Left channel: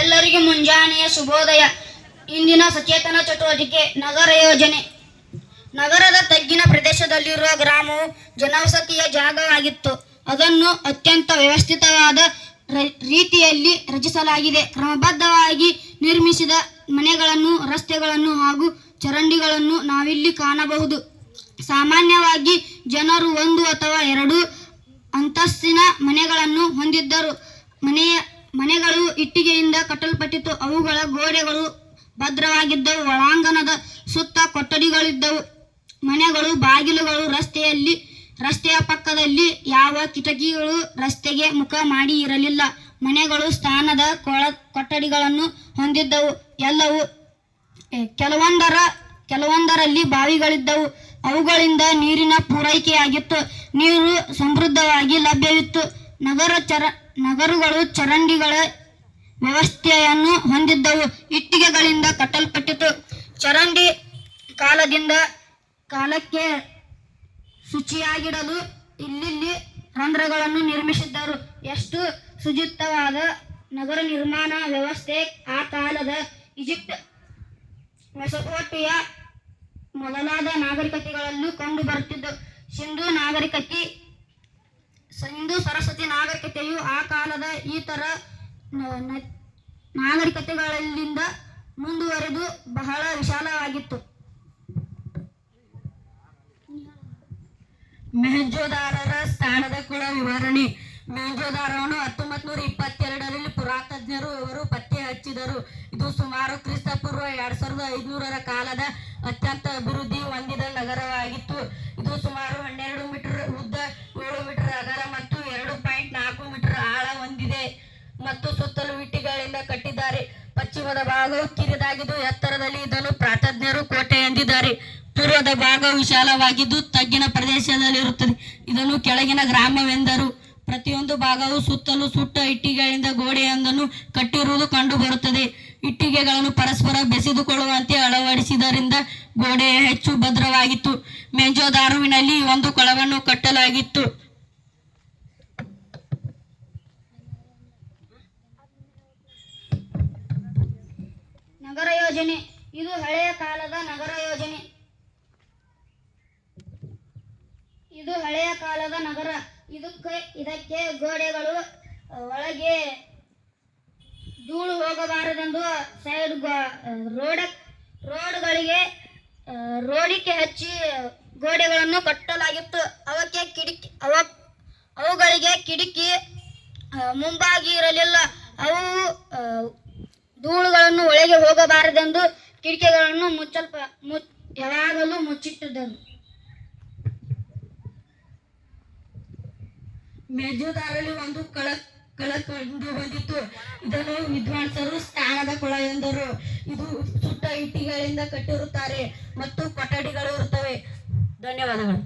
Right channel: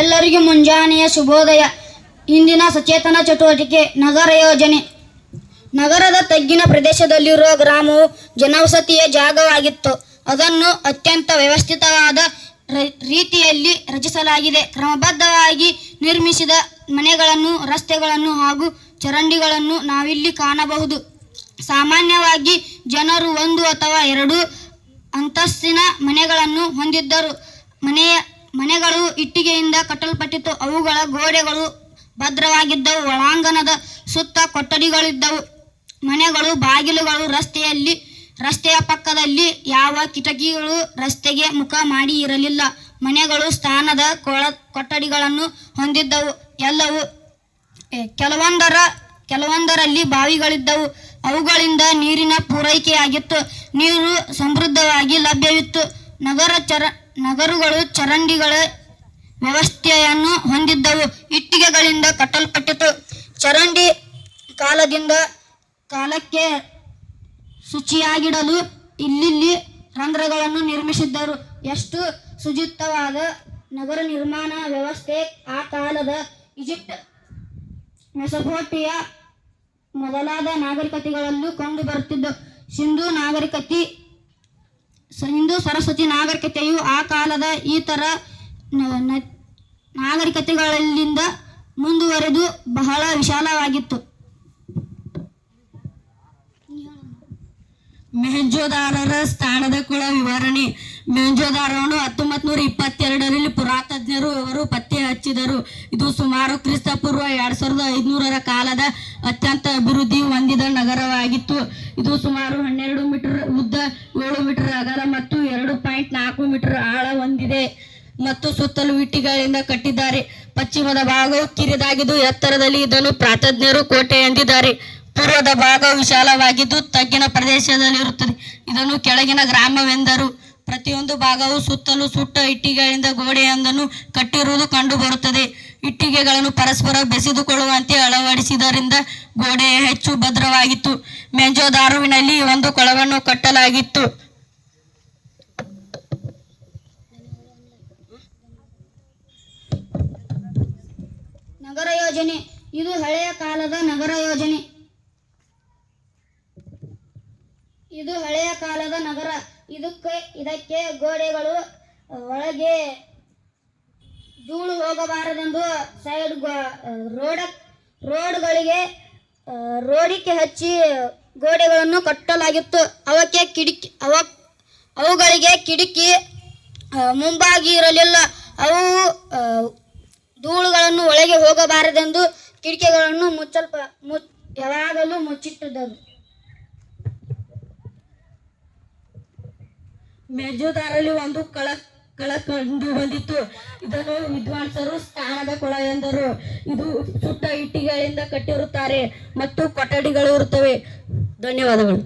ಎಲ್ಲರಿಗೂ ಮುಂಜಾನೆಯ ಶುಭೋದಯ. ಇಂದಿನ ಸಚೇತನ ಚಟುವಟಿಕೆ ನಗರ ಯೋಜನೆ. ನಗರದ ತಗ್ಗಿನ ಪ್ರದೇಶದಲ್ಲಿರುವ ಗ್ರಾಮವು ಜನವಸತಿಯ ಜಾಗವಾಗಿತ್ತು. ಅದನ್ನು ಅತ್ಯಂತ ವ್ಯವಸ್ಥಿತವಾದ ರೀತಿಯಲ್ಲಿ ರಚಿಸಲಾಗಿದೆ. ಕ್ರಮಬದ್ಧವಾಗಿ ನಿರ್ಮಿಸಿದ ಮನೆಗಳನ್ನು, ರಸ್ತೆಗಳನ್ನು ಹಾಗೂ ಚರಂಡಿಗಳನ್ನು ನಾವಿಲ್ಲಿ ಕಾಣಬಹುದು. ಸಾಮಾನ್ಯವಾಗಿ ಜನರು 1 ಅಥವಾ 2 ಅಂತಸ್ತಿನ ಮನೆಗಳನ್ನು ಹೊಂದಿದ್ದರು. ಮನೆಗಳು ಇಟ್ಟಿಗೆಯಿಂದ ಕಟ್ಟಲ್ಪಟ್ಟಿತ್ತು. ಅವುಗಳ ಗೋಡೆಗಳು ಭದ್ರವಾಗಿದ್ದವು. ಒಳಾಂಗಣದ ಸುತ್ತ ಕೊಠಡಿಗಳಿದ್ದವು. ಮನೆಗಳು, ಬಾಗಿಲುಗಳು ರಸ್ತೆಯ ಪಕ್ಕದಲ್ಲಿ ಯಾವ ಕಿಟಕಿಗಳು ರಸ್ತೆಗೆ ಮುಖ ಮಾಡಿ ಇರಲಿಲ್ಲ. ಮನೆಗಳು ಸ್ಥಾನದ ಕೊಠಡಿಗಳನ್ನು ಹೊಂದಿದ್ದವು. ಕೆಲವೊಂದರಲ್ಲಿ ಬಾವಿಗಳಿದ್ದವು. ಅವುಗಳಿಂದ ನೀರಿನ ಪೂರೈಕೆಯಾಗಿತ್ತು. ನೀರು ಸಮೃದ್ಧವಾಗಿ ಲಭ್ಯವಿತ್ತು. ನಗರಗಳು ಚರಂಡಿಗಳ ವ್ಯವಸ್ಥೆಯನ್ನು ಹೊಂದಿದ್ದವು. ಇಟ್ಟಿಗೆಗಳಿಂದ ಕಟ್ಟಲ್ಪಟ್ಟಿತು. ಚರಂಡಿ ಕಾಲದಿಂದ ಕಾಲಕ್ಕೆ ಶುಚಿಯಾಗಿಡಲು ಇಲ್ಲಿ ರಂಧ್ರಗಳನ್ನು ನಿರ್ಮಿಸಿದ್ದರು. ಎಷ್ಟು ಶುಚಿತ್ವವಾದ ನಗರ ನಿರ್ಮಾಣ ವ್ಯವಸ್ಥೆ! ಆ ಕಾಲದ ಈಜಿಪ್ಟ್, ಮೆಸೊಪೊಟೇಮಿಯಾ ಮೊದಲಾದ ನಾಗರಿಕತೆಗಳಲ್ಲೂ ಕಂಡು ಬರುತ್ತಿದ್ದು, ಸಿಂಧೂ ಸರಸ್ವತಿ ನಾಗರಿಕತೆಯು ಆ ಕಾಲದ ಇತರ ನಾಗರಿಕತೆಗಳಿಂದ ಮುಂದುವರೆದು ಬಹಳ ವಿಶಾಲವಾಗಿತ್ತು. ಮೊಹೆಂಜೊದಾರೊರ ಸ್ಥಾನದ ಕುಳ ವಿವರಣೆ. ಮೊಹೆಂಜೊದಾರೊವನ್ನು 1922ರಲ್ಲಿ ಪುರಾತಜ್ಞರು ಅವರು ಪತ್ತೆ ಹಚ್ಚಿದರು. ಇದು ಸುಮಾರು ಕ್ರಿಸ್ತಪೂರ್ವ 2500ರ ಕಾಲದ ಅತ್ಯಂತ ಅಭಿವೃದ್ಧಿ ಹೊಂದಿದ ನಗರವಾಗಿತ್ತು. ಇದು ಸುಮಾರು 12 ಮೀಟರ್ ಉದ್ದ, 7 ಮೀಟರ್ ಅಗಲ ಮತ್ತು 2.4 ಮೀಟರ್ ಆಳ ಹೊಂದಿದೆ ಮತ್ತು ಸುತ್ತಲೂ ಇಟ್ಟಿಗೆಗಳಿಂದ ಕಟ್ಟಿದ್ದಾರೆ. ಪಶ್ಚಿಮದ ಭಾಗವು ಕಿರಿದಾಗಿದ್ದು ಎತ್ತರದಲ್ಲಿ ಇದನ್ನು ಪ್ರಾತಜ್ಞರು ಕೋಟೆ ಎಂದಿದ್ದಾರೆ. ಪೂರ್ವದ ಭಾಗವು ವಿಶಾಲವಾಗಿದ್ದು ತಗ್ಗಿನ ಪ್ರದೇಶದಲ್ಲಿರುತ್ತದೆ. ಇದನ್ನು ಕೆಳಗಿನ ಗ್ರಾಮವೆಂದರು. ಪ್ರತಿಯೊಂದು ಭಾಗವು ಸುತ್ತಲೂ ಸುಟ್ಟ ಇಟ್ಟಿಗೆಗಳಿಂದ ಗೋಡೆಯೊಂದನ್ನು ಕಟ್ಟಿರುವುದು ಕಂಡು ಬರುತ್ತದೆ. ಇಟ್ಟಿಗೆಗಳನ್ನು ಪರಸ್ಪರ ಬೆಸೆದುಕೊಳ್ಳುವಂತೆ ಅಳವಡಿಸಿದ್ದರಿಂದ ಗೋಡೆ ಹೆಚ್ಚು ಭದ್ರವಾಗಿತ್ತು. ಮೊಹೆಂಜೊದಾರೊವಿನಲ್ಲಿ ಒಂದು ಕೊಳವನ್ನು ಕಟ್ಟಲಾಗಿತ್ತು. ನಗರ ಯೋಜನೆ. ಇದು ಹಳೆಯ ಕಾಲದ ನಗರ ಯೋಜನೆ. ಇದು ಹಳೆಯ ಕಾಲದ ನಗರ. ಇದಕ್ಕೆ ಗೋಡೆಗಳು ಒಳಗೆ ಧೂಳು ಹೋಗಬಾರದೆಂದು ಸೈಡ್ ರೋಡಿಗೆ ಹಚ್ಚಿ ಗೋಡೆಗಳನ್ನು ಕಟ್ಟಲಾಗಿತ್ತು. ಅವುಗಳಿಗೆ ಕಿಟಕಿ ಮುಂಭಾಗಿ ಇರಲಿಲ್ಲ. ಅವು ಧೂಳುಗಳನ್ನು ಒಳಗೆ ಹೋಗಬಾರದೆಂದು ಕಿಟಕಿಗಳನ್ನು ಯಾವಾಗಲೂ ಮುಚ್ಚಿಟ್ಟಿದ್ದರು. ಮೊಹೆಂಜೊದಾರೊದಲ್ಲಿ ಒಂದು ಕಳ ಕಂಡು ಬಂದಿತ್ತು. ಇದನ್ನು ವಿದ್ವಾಂಸರು ಸ್ಥಾನದ ಕೊಳ ಎಂದರು. ಇದು ಸುಟ್ಟ ಇಟ್ಟಿಗೆಗಳಿಂದ ಕಟ್ಟಿರುತ್ತಾರೆ ಮತ್ತು ಕೊಠಡಿಗಳು ಇರುತ್ತವೆ. ಧನ್ಯವಾದಗಳು.